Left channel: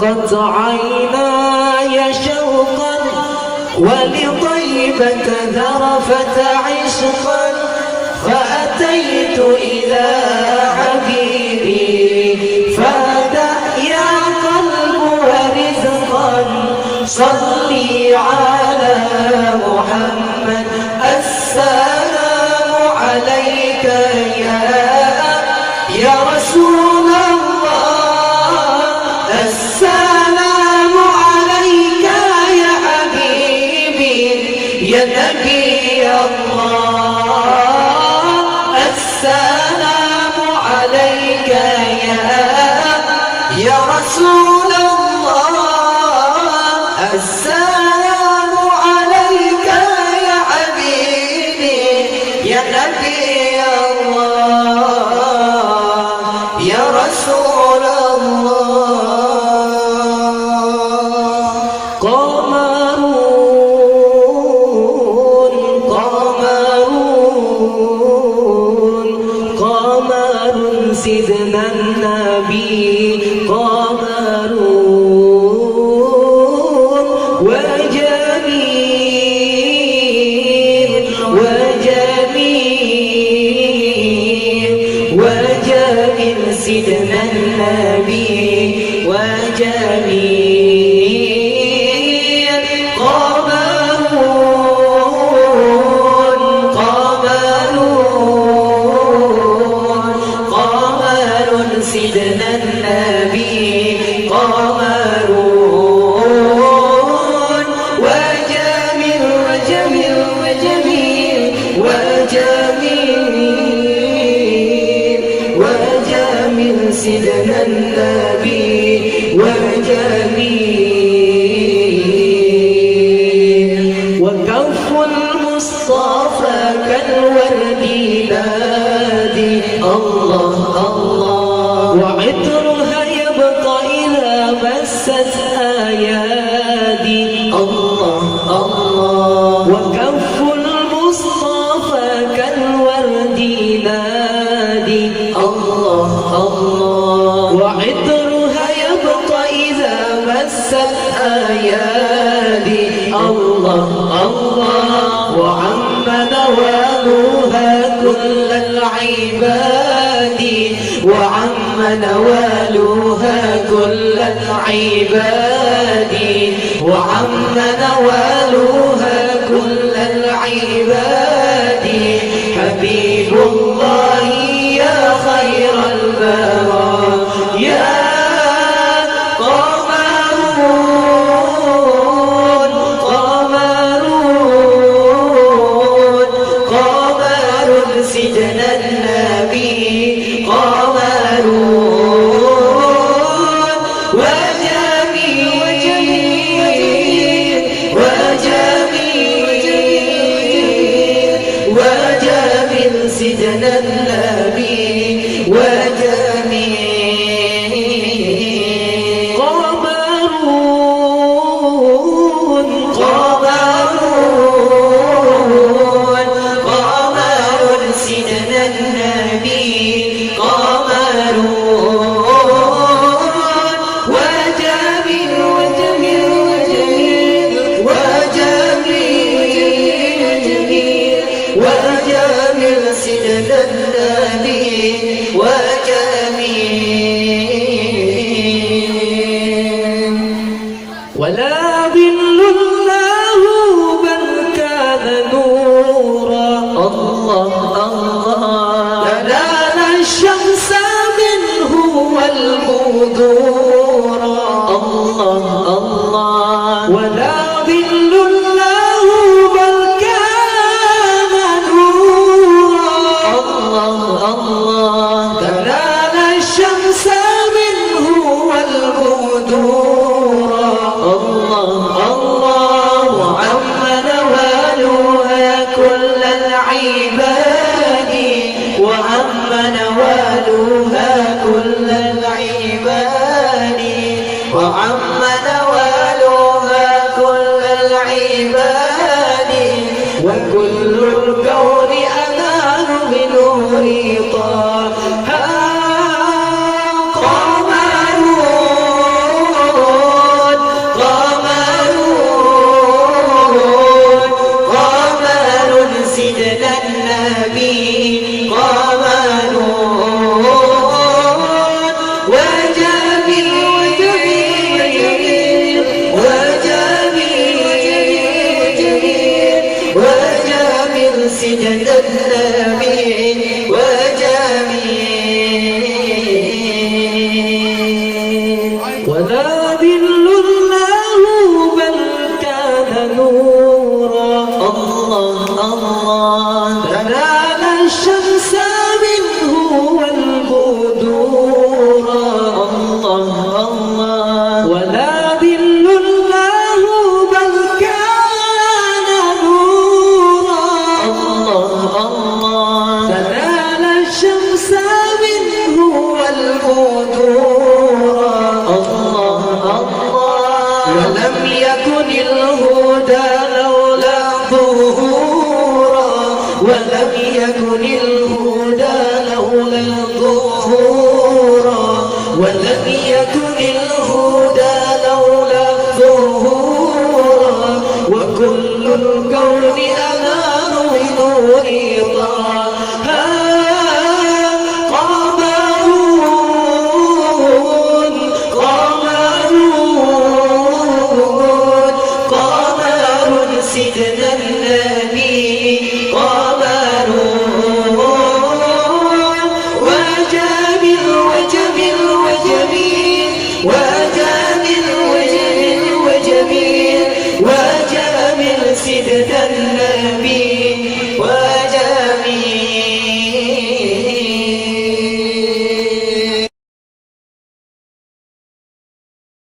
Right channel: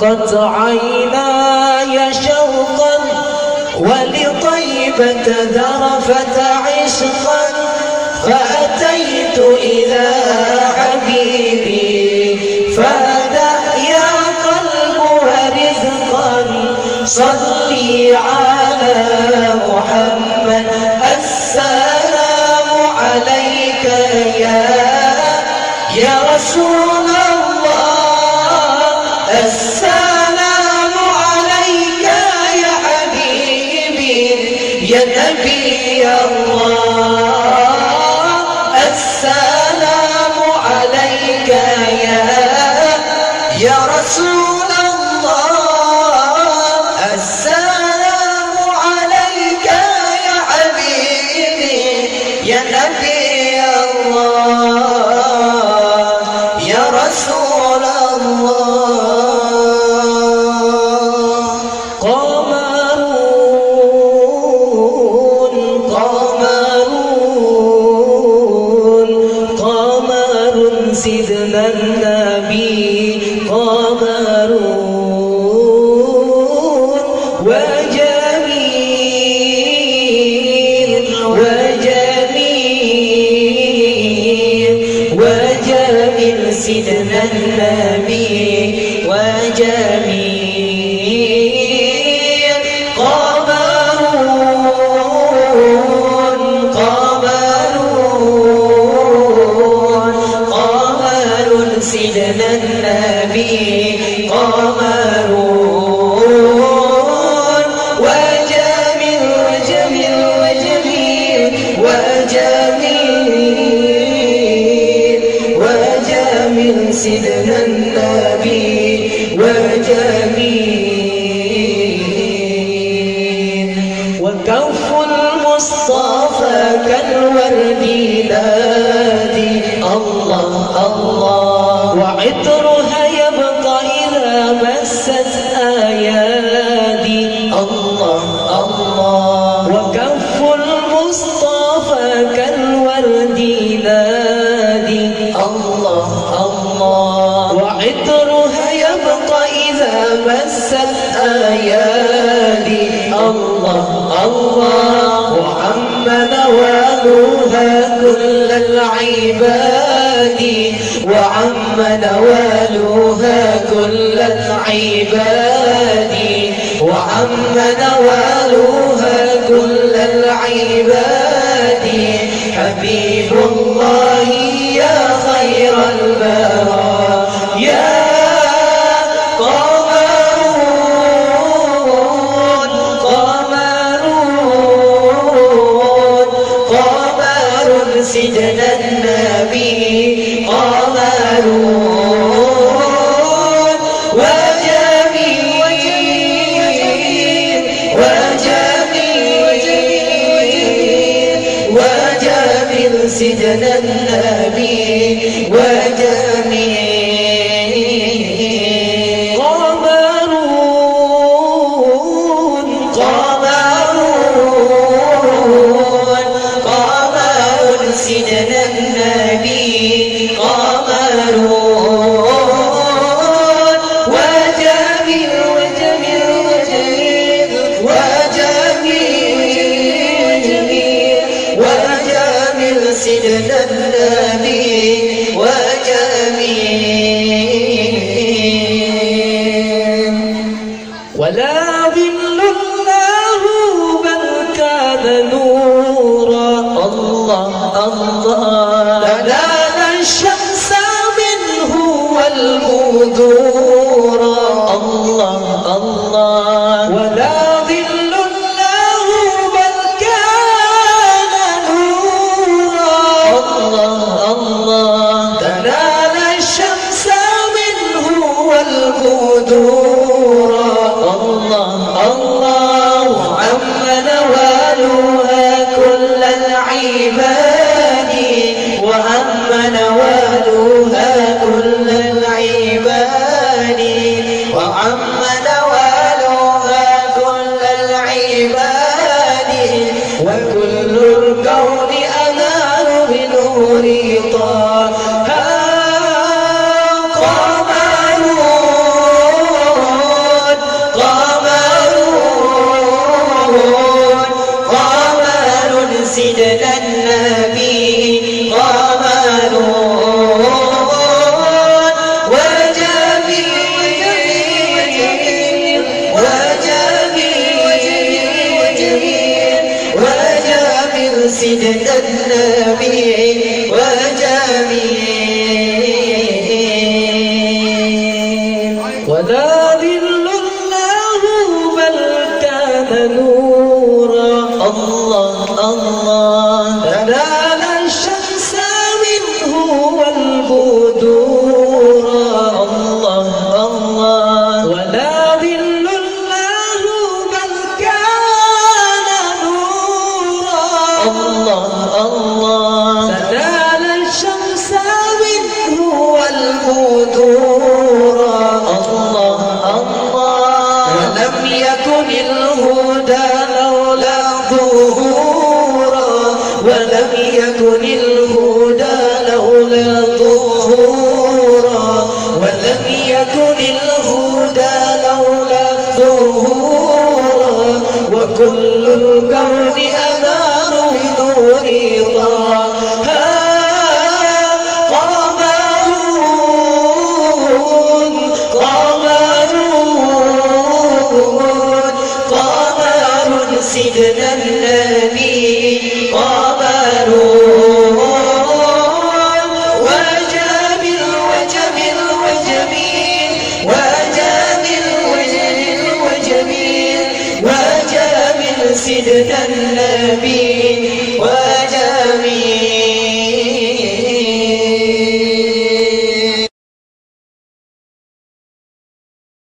ضاقت عيناي شوقا ولطيبة ذرفت عشقا فأتيت إلى حبيبي فهدأ يا قلب ورزقا صلي على محمد السلام عليك يا رسول الله السلام عليك يا حبيبي يا نبي الله السلام عليك يا رسول الله السلام عليك يا حبيبي يا نبي الله يا رسول الله قمر سيدنا النبي وجميل سيدنا النبي وجميل قمر سيدنا النبي سيدنا النبي وجميل وكف المصطفى كالورد نادي الله الله وعطرها يبقى إذا مست أيادي الله الله وكف المصطفى كالورد نادي الله الله وعطرها يبقى إذا مست أيادي الله الله وعم نوالها كل العباد وعم نوالها كل العباد وعم نوالها كل العباد حبيب الله يا خير البرايا يا قمر سيدنا النبي وجميل سيدنا النبي وجميل قمر سيدنا النبي وجميل سيدنا النبي وجميل ولا ظل الله بل كان نورا الله الله تنال الشمس منه والبدور الله الله ولا ظل الله بل كان نورا الله الله تنال الشمس منه والبدور الله الله وعم نوالها كل العباد وعم نوالها كل العباد وعم نوالها كل العباد وكل الكون أنال بنور طه قمر سيدنا النبي قام نور وجميل سيدنا النبي وجميل ولا ذل الله بل كان نورا الله الله تنال الشمس منه والبدور الله الله ولا ذل الله بل كان نورا الله الله تنال الشمس منه والبدور الله الله ولم يكن الهدى لولا ظهورا ولم يكن الهدى لولا ظهورا ولم يكن الهدى لولا ظهورا وكل الكون أنار بنور طه قمر سيدنا النبي قمر وجميل وجميل وجميل وجميل وجميل وجميل وجميل سيدنا النبي